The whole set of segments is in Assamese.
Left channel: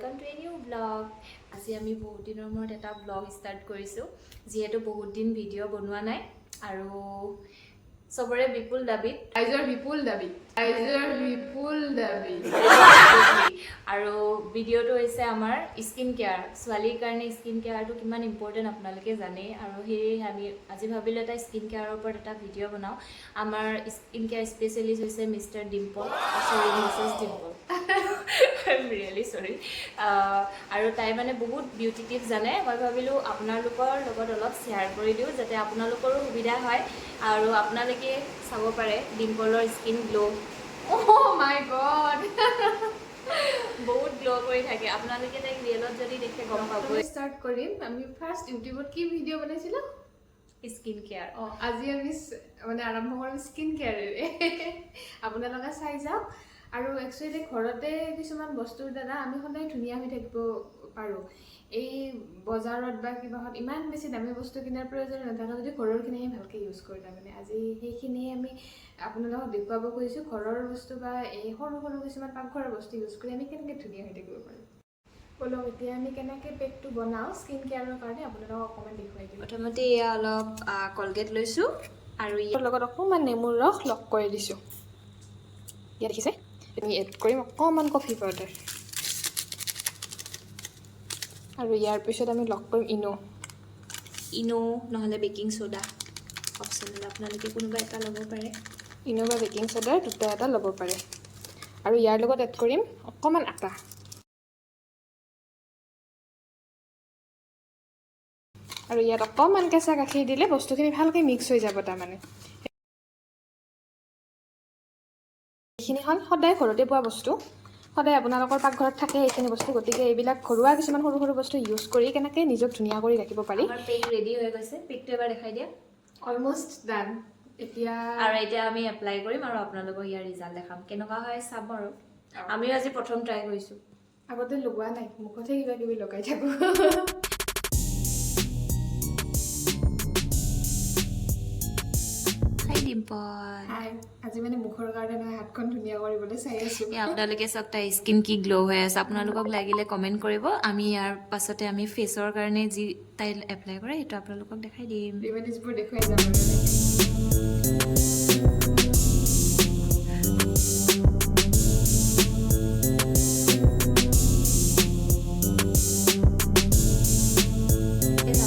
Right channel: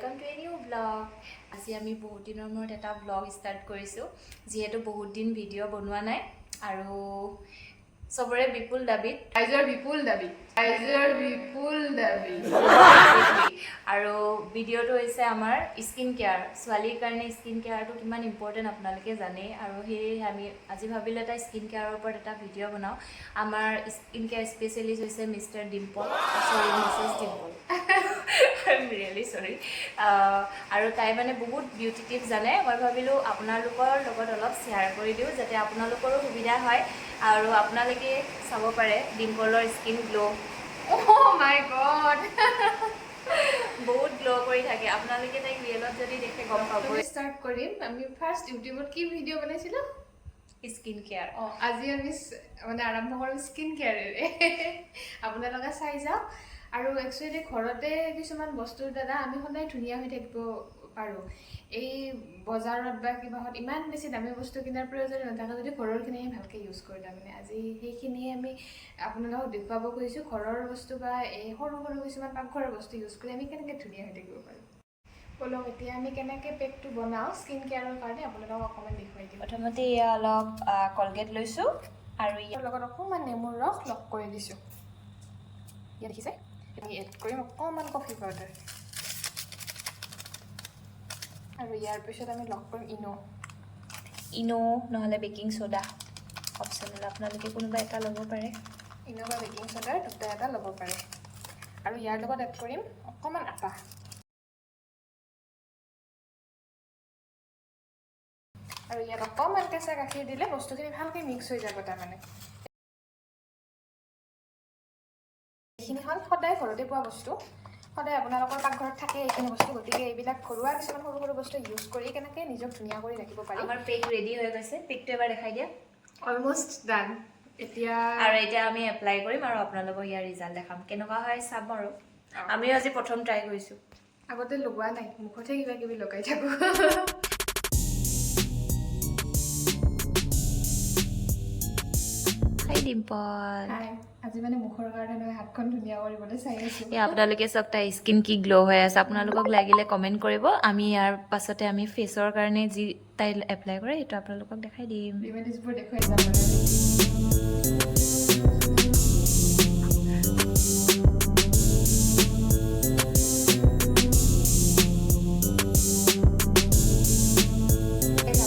welcome to a new vlog. আজি আমি বহুত দিনৰ মূৰত এটা vlog start কৰিছো যিহেতু বহুত দিন ভিডিও বনোৱা নাই আৰু সবৰে বিপুল দাবী আৰু ভিডিওটো হৈছে আমাৰ স্কিন কেয়াৰ ছোৱালীৰ কাৰণে স্কিন কেয়াৰটো কিমান ইম্পৰ্টেন্ট আপোনালোকে জানে আৰু হেই আমি আজি ভাবিলো এটা স্কিন কেয়াৰৰ ওপৰত এটা ভিডিও বনাও আমাৰ স্কিন কেয়াৰ স্পেশালিষ্ট হৈছে মিস্টাৰ ডিম্পল সৰি Mrs Dimple I'm really sorry আৰু তাই মানে বহুত বিউটি টিপছ জানে মই ভাবিলো আপোনালোকৰ লগত অলপ শেয়াৰ কৰি দিও যাতে আপোনালোকৰো সুবিধা হয় আৰু আপোনালোকে চাব পাৰে ডিম্পলৰ skin glow Oh my god! বহুত গ্লো কৰি থাকে আপোনালোকে তাইক ৰিয়েলত যদি দেখে গম পাব স্টাৰ্ট কৰিম আমি ফাৰ্স্ট ইউটিউবত কি ভিডিও বনাইছিলো স্কিন কেয়াৰ আজি আমি মানে আৰম্ভ কৰিম স্কিন কেয়াৰেৰে আপোনালোকে চাই যাওক আৰু একচুয়ালি ঘৰতে কিছুমান বস্তুৰ দ্বাৰা আমি সদায় ধুনীয়া হৈ থাকিব পাৰো এই বজাৰত বা কিবাহত ইমান বেছি দামী বস্তু কিনাৰ প্ৰয়োজন নাথাকে যদি ঘৰৰখিনি ভালকে ইউজ কৰি তাৰমানে আজি সেইখিনি আমি আপোনালোকক দেখুৱাব খুজিছো ঘৰৰ বস্তু বা এই সৰু সৰু কিছুমান পাকঘৰৰ বস্তু ইউজ কৰি আমি কেনেকৈ ধুনীয়া হৈ থাকিব পাৰোঁ বলক এতিয়া আমি কেনেকৈ পেকটো বনাওঁ স্কিন কেয়াৰৰ কাৰণে আপোনালোকক অকণমান দেখুৱাই দিম প্ৰথমতে এয়া অলপ কলগেট লৈছো আৰু ইয়াৰ লগত অকণমান নেমুৰ ৰস লগ কৰি দিছোঁ ইয়াত দেখিছে আমি এড কৰিম অকণমান কফি পাউডাৰ আৰু ইয়াৰ পিছত আমি লগ কৰিম ইনো নহলে বেকিং সোডা অপচনেল আপোনালোকে কোনোবা এটা ল'ব পাৰে ইনো বা বেকিং সোডাৰ দুটা এটা ল'ব পাৰে আৰু ইয়াৰ লগত এড কৰিম অকণমান আটা আৰু ইয়াত অকণমান কেঁচা গাখীৰ দিলে বস্তুখিনি ভালকৈ মিক্স হৈ যাব তাৰমানে এইখিনি হ'ল সদায় ঘৰতে পোৱা বস্তু সদায় আপোনালোকৰ পাকঘৰত থাকে এইখিনি বস্তু গতিকে এইবিলাক ঘৰুৱা কিছুমান সৰু সৰু বস্তু ইউজ কৰি কেনেকৈ নিজক ধুনীয়া কৰি ৰাখিব পাৰি আমাৰ পেক ৰেডি হৈ গৈছে পেকটো এবাৰ দেখাই দিয়া অলমোষ্ট ডান এতিয়া আৰু এতিয়া আমি এপ্লাই কৰিম আৰু আপোনালোকক ইয়াৰ ৰিজাল্ট দেখাম কেনেকুৱা হয় চাম আৰু আমিও আজি প্ৰথম ট্ৰাই কৰিছো আগতে লগোৱা নাই মুখতে কিবা কিবি লগাই থাকো ডিম্পল আজি মানে মুখৰ কাৰণে নহয় হাতখন ধুনীয়া কৰিবলৈ চাই আছো আপোনালোকে চব তাই স্কিন কি গ্লো হৈ আছে আপোনালোকক লাগিলে কমেন্ট কৰিব আমি ইয়াৰ পাছতে আমি ফেচৰ কাৰণে যি তাই এপ্লাই কৰে সেইটো আপোনালোকক দেখাই দিম ৰিমেডিজবোৰ দেখুৱাই যাম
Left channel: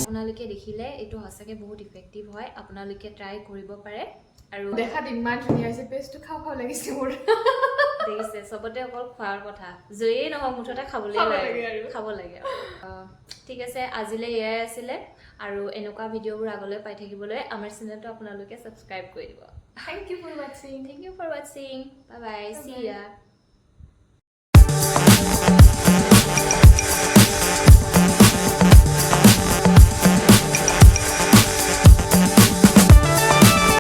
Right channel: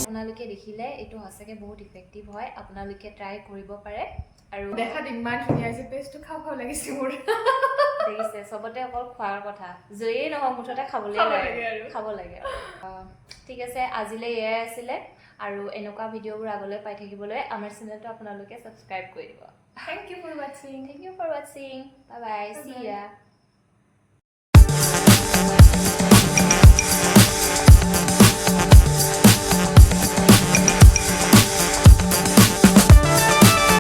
আপোনালোকে দেখিলে এইটো সঁচাকে বহুত ইফেক্টিভ হয় আপোনালোকে ট্ৰাই কৰিব পাৰে আৰু দেখাত ইমান ধুনীয়া হৈছে পেষ্টটো খাও খাও লাগিছে মোৰ দেখিছে সবতে অকল খোৱাৰ কথা জয়েই নহয় মুঠতে খাব লাগে ঠিক আছে আজিলে এয়াই আছিলে আৰু এনেকুৱা ভিডিঅ'বোৰ আগলৈ পাই থাকিবলৈ আমাৰ চেনেলটো আপোনালোকে সাবস্ক্ৰাইব কৰি দিব Thank you for watching. Thank you for watching. Bye bye. See ya.